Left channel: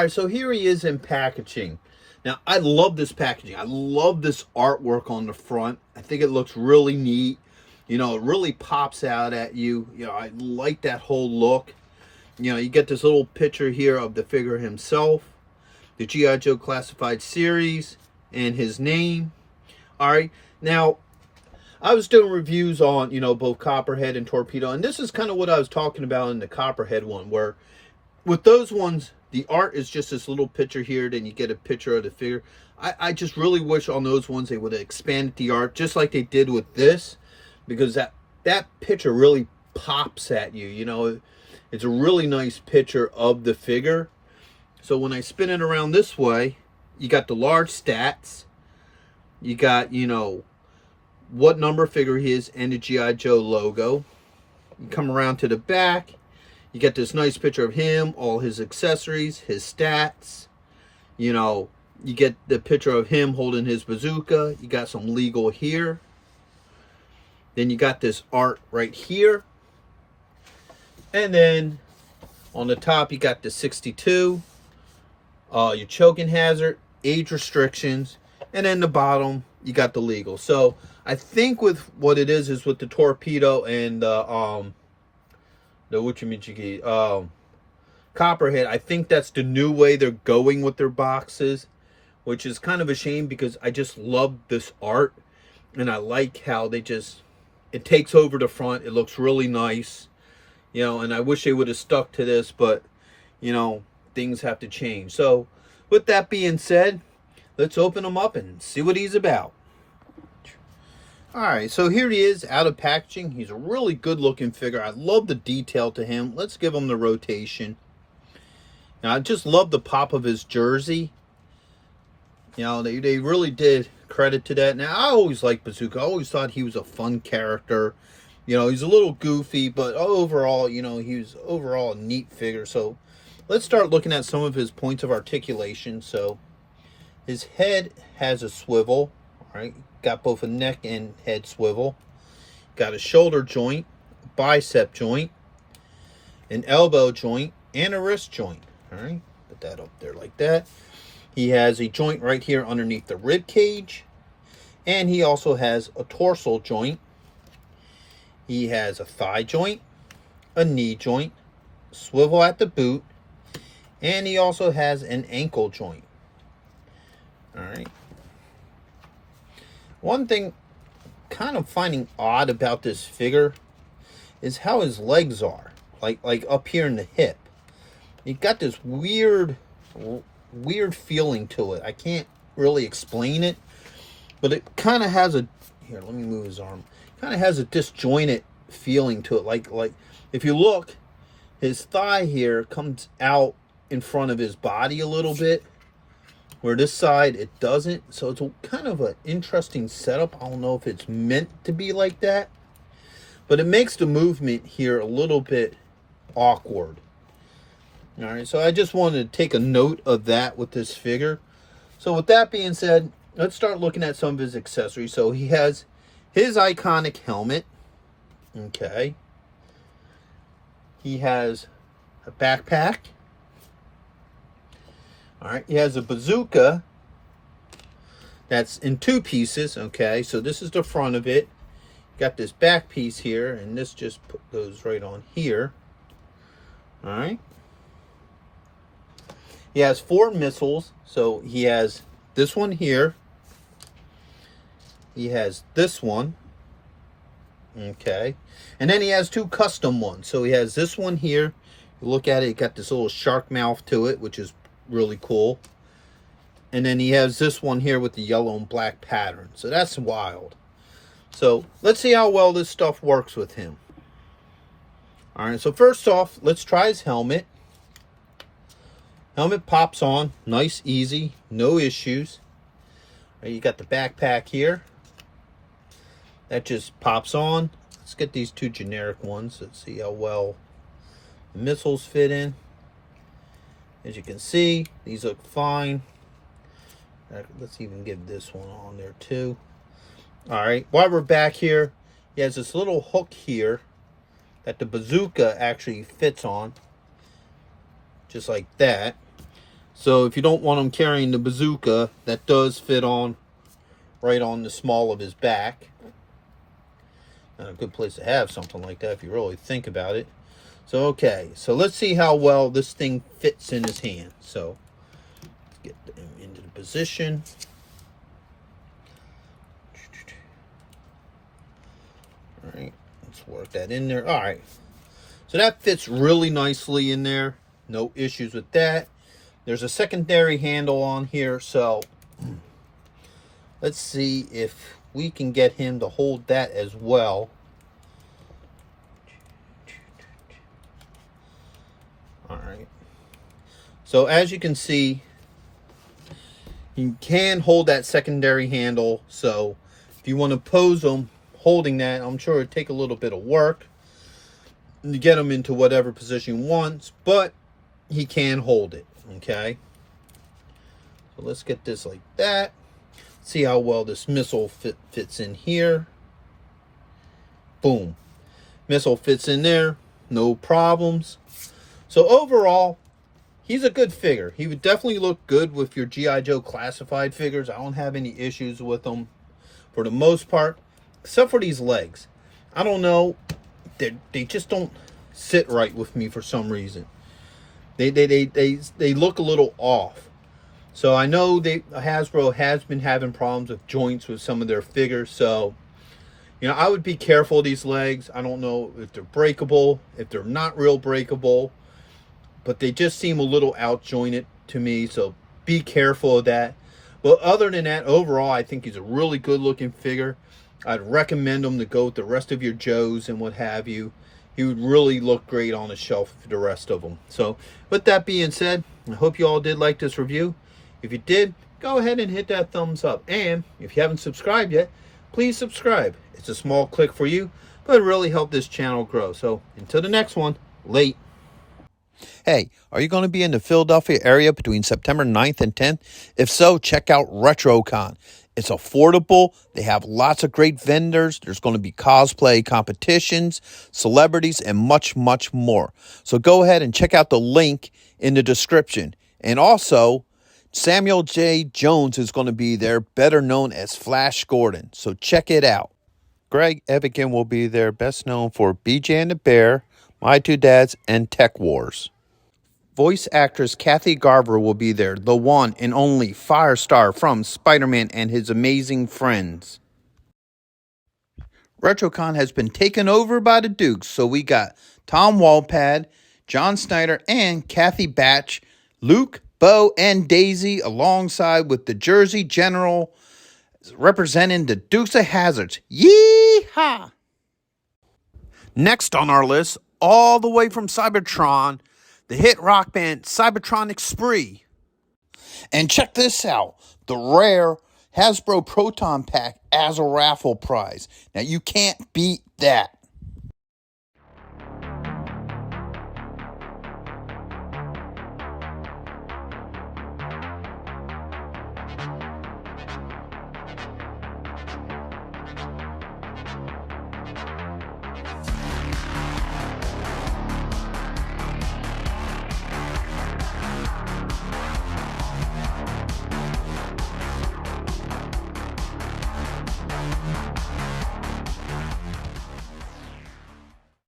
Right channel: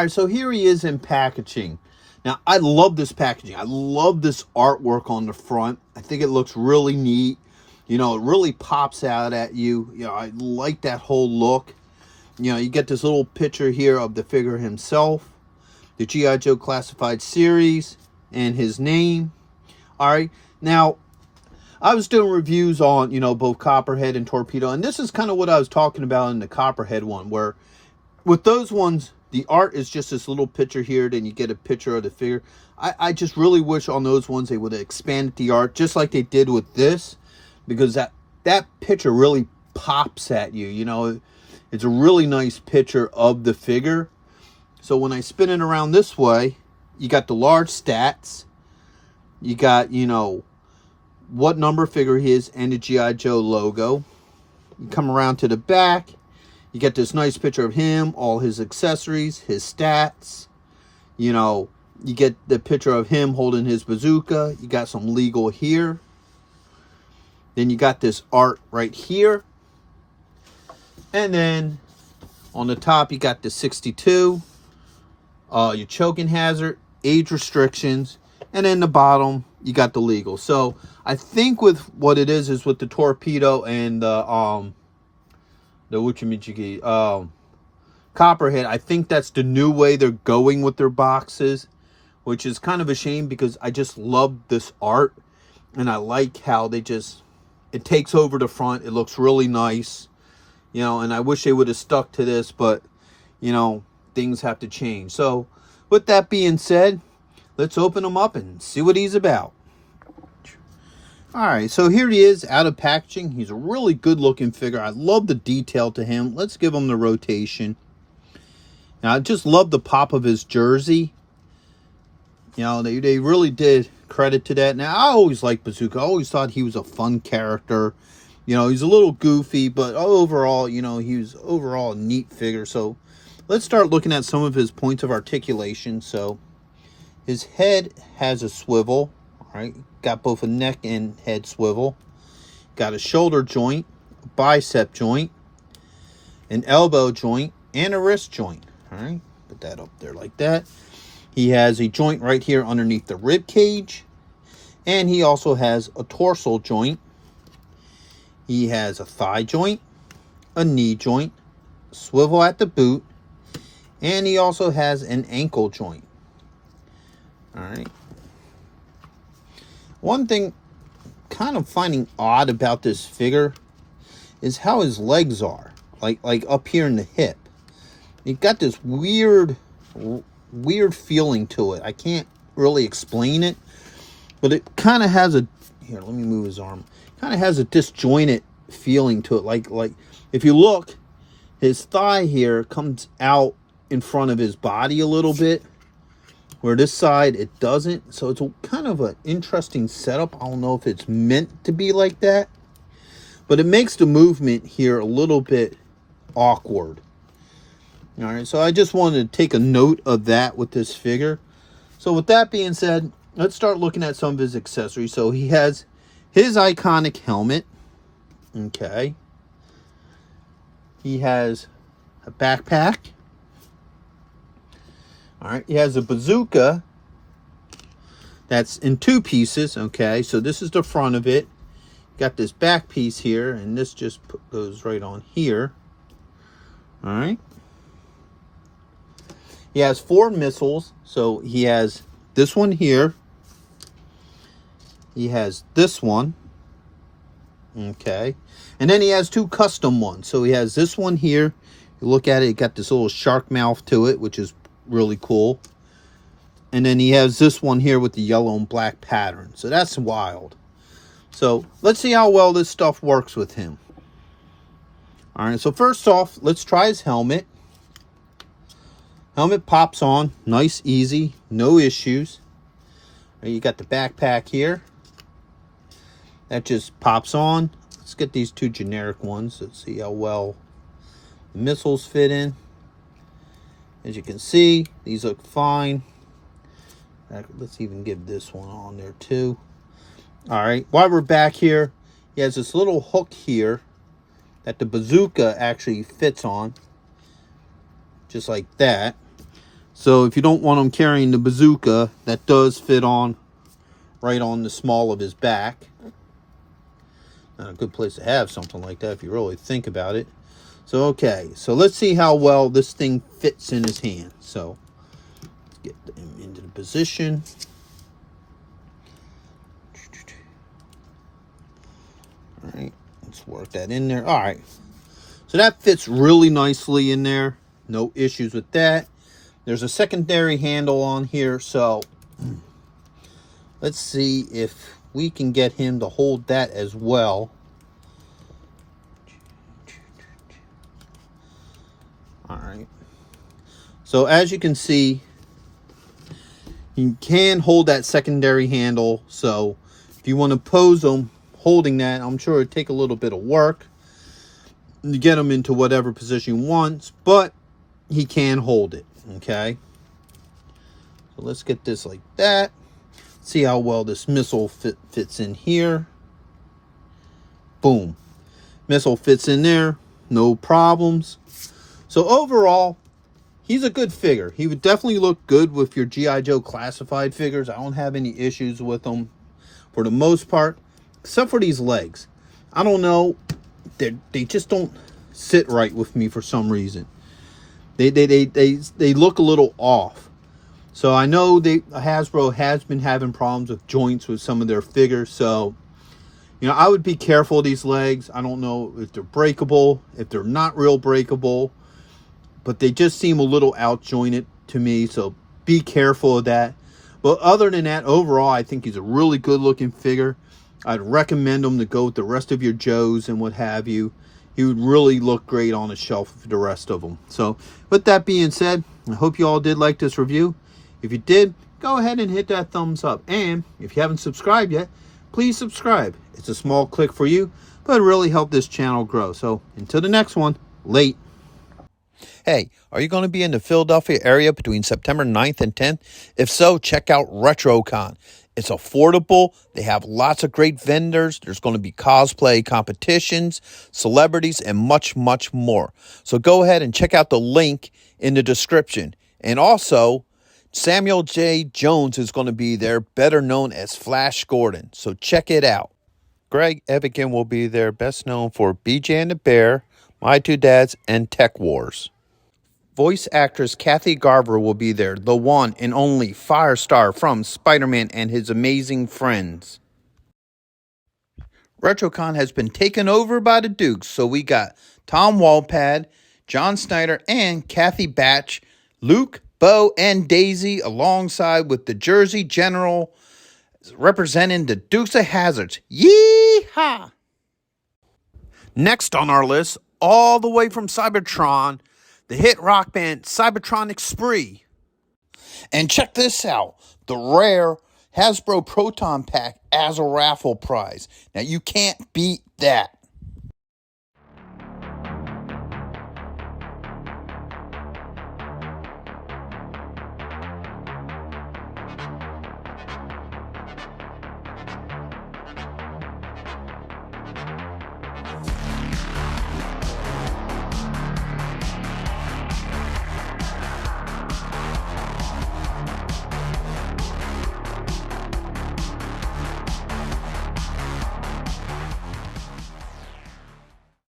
right, so here he is in packaging. Now, I love this packaging. I love this artwork on the front. I think it looks really neat. You know, it really pops out at you. You know, I like that whole look. You know, you get this little picture here of the figure himself, the G.I. Joe Classified Series, and his name. All right. Now, I was doing reviews on, you know, both Copperhead and Torpedo, and this is kind of what I was talking about in the Copperhead one, where with those ones, the art is just this little picture here, then you get a picture of the figure. I just really wish on those ones they would have expanded the art, just like they did with this, because that picture really pops at you. You know, it's a really nice picture of the figure. So when I spin it around this way, you got the large stats. You got, you know, what number figure he is and the G.I. Joe logo. You come around to the back. You get this nice picture of him, all his accessories, his stats. You know, you get the picture of him holding his bazooka. You got some legal here. Then you got this art right here. And then on the top, you got the 62. Your choking hazard, age restrictions. And then the bottom, you got the legal. So I think with what it is with the Torpedo and the Copperhead, I think that's the new way they're going with their boxes, which is kind of a shame because I just love this art and I like how they just, it takes over the front. It looks really nice, you know, and I wish they would have stuck to this, but you know, things have to change. So with that being said, let's open him up and see what he's about. All right, so here he is out of packaging. He's a really good looking figure. I love the detail to him. Let's give him the rotation. Now, I just love the pop of his jersey. You know, they really did credit to that. Now, I always liked Bazooka. I always thought he was a fun character. You know, he's a little goofy, but overall, you know, he was overall a neat figure. So let's start looking at some of his points of articulation. So his head has a swivel. Right, got both a neck and head swivel. Got a shoulder joint, a bicep joint, an elbow joint, and a wrist joint. All right, put that up there like that. He has a joint right here underneath the rib cage, and he also has a torso joint. He has a thigh joint, a knee joint, swivel at the boot, and he also has an ankle joint. All right. One thing kind of finding odd about this figure is how his legs are, like up here in the hip. He got this weird feeling to it. I can't really explain it, but it kind of has a, here, let me move his arm. Kind of has a disjointed feeling to it. Like if you look, his thigh here comes out in front of his body a little bit, where this side it doesn't. So it's kind of an interesting setup. I don't know if it's meant to be like that, but it makes the movement here a little bit awkward. All right, so I just wanted to take a note of that with this figure. So with that being said, let's start looking at some of his accessories. So he has his iconic helmet. Okay. He has a backpack. All right, he has a bazooka that's in two pieces. Okay, so this is the front of it. Got this back piece here, and this just goes right on here. All right. He has 4 missiles. So he has this one here. He has this one. Okay. And then he has 2 custom ones. So he has this one here. You look at it, it got this little shark mouth to it, which is really cool. And then he has this one here with the yellow and black pattern. So that's wild. So let's see how well this stuff works with him. All right, so first off, let's try his helmet. Helmet pops on, nice, easy, no issues. Right, you got the backpack here. That just pops on. Let's get these 2 generic ones. Let's see how well the missiles fit in. As you can see, these look fine. Let's even give this one on there too. All right, while we're back here, he has this little hook here that the bazooka actually fits on, just like that. So if you don't want him carrying the bazooka, that does fit on right on the small of his back. Not a good place to have something like that if you really think about it. So okay, so let's see how well this thing fits in his hand. So let's get into the position. All right, let's work that in there. All right, so that fits really nicely in there. No issues with that. There's a secondary handle on here, so let's see if we can get him to hold that as well. All right. So as you can see, you can hold that secondary handle. So if you want to pose him holding that, I'm sure it'd take a little bit of work to get him into whatever position he wants, but he can hold it. Okay. So let's get this like that. See how well this missile fits in here. Boom. Missile fits in there. No problems. So overall, he's a good figure. He would definitely look good with your G.I. Joe classified figures. I don't have any issues with them for the most part, except for these legs. I don't know. They just don't sit right with me for some reason. They look a little off. So I know Hasbro has been having problems with joints with some of their figures. So, you know, I would be careful of these legs. I don't know if they're breakable, if they're not real breakable, but they just seem a little out jointed to me. So be careful of that. But other than that, overall, I think he's a really good looking figure. I'd recommend him to go with the rest of your Joes and what have you. He would really look great on the shelf with the rest of them. So with that being said, I hope you all did like this review. If you did, go ahead and hit that thumbs up. And if you haven't subscribed yet, please subscribe. It's a small click for you, but it really helped this channel grow. So until the next one, late. Hey, are you going to be in the Philadelphia area between September 9th and 10th? If so, check out RetroCon. It's affordable. They have lots of great vendors. There's going to be cosplay competitions, celebrities, and much, much more. So go ahead and check out the link in the description. And also, Samuel J. Jones is going to be there, better known as Flash Gordon. So check it out. Greg Evigan will be there, best known for BJ and the Bear, My Two Dads, and Tech Wars. Voice actress Kathy Garver will be there, the one and only Firestar from Spider-Man and His Amazing Friends. RetroCon has been taken over by the Dukes, so we got Tom Walpad, John Snyder, and Kathy Batch, Luke, Bo, and Daisy, alongside with the Jersey General representing the Dukes of Hazzards. Yee-haw! Next on our list, all the way from Cybertron, the hit rock band Cybertronic Spree. And check this out, the rare Hasbro Proton Pack as a raffle prize. Now you can't beat that.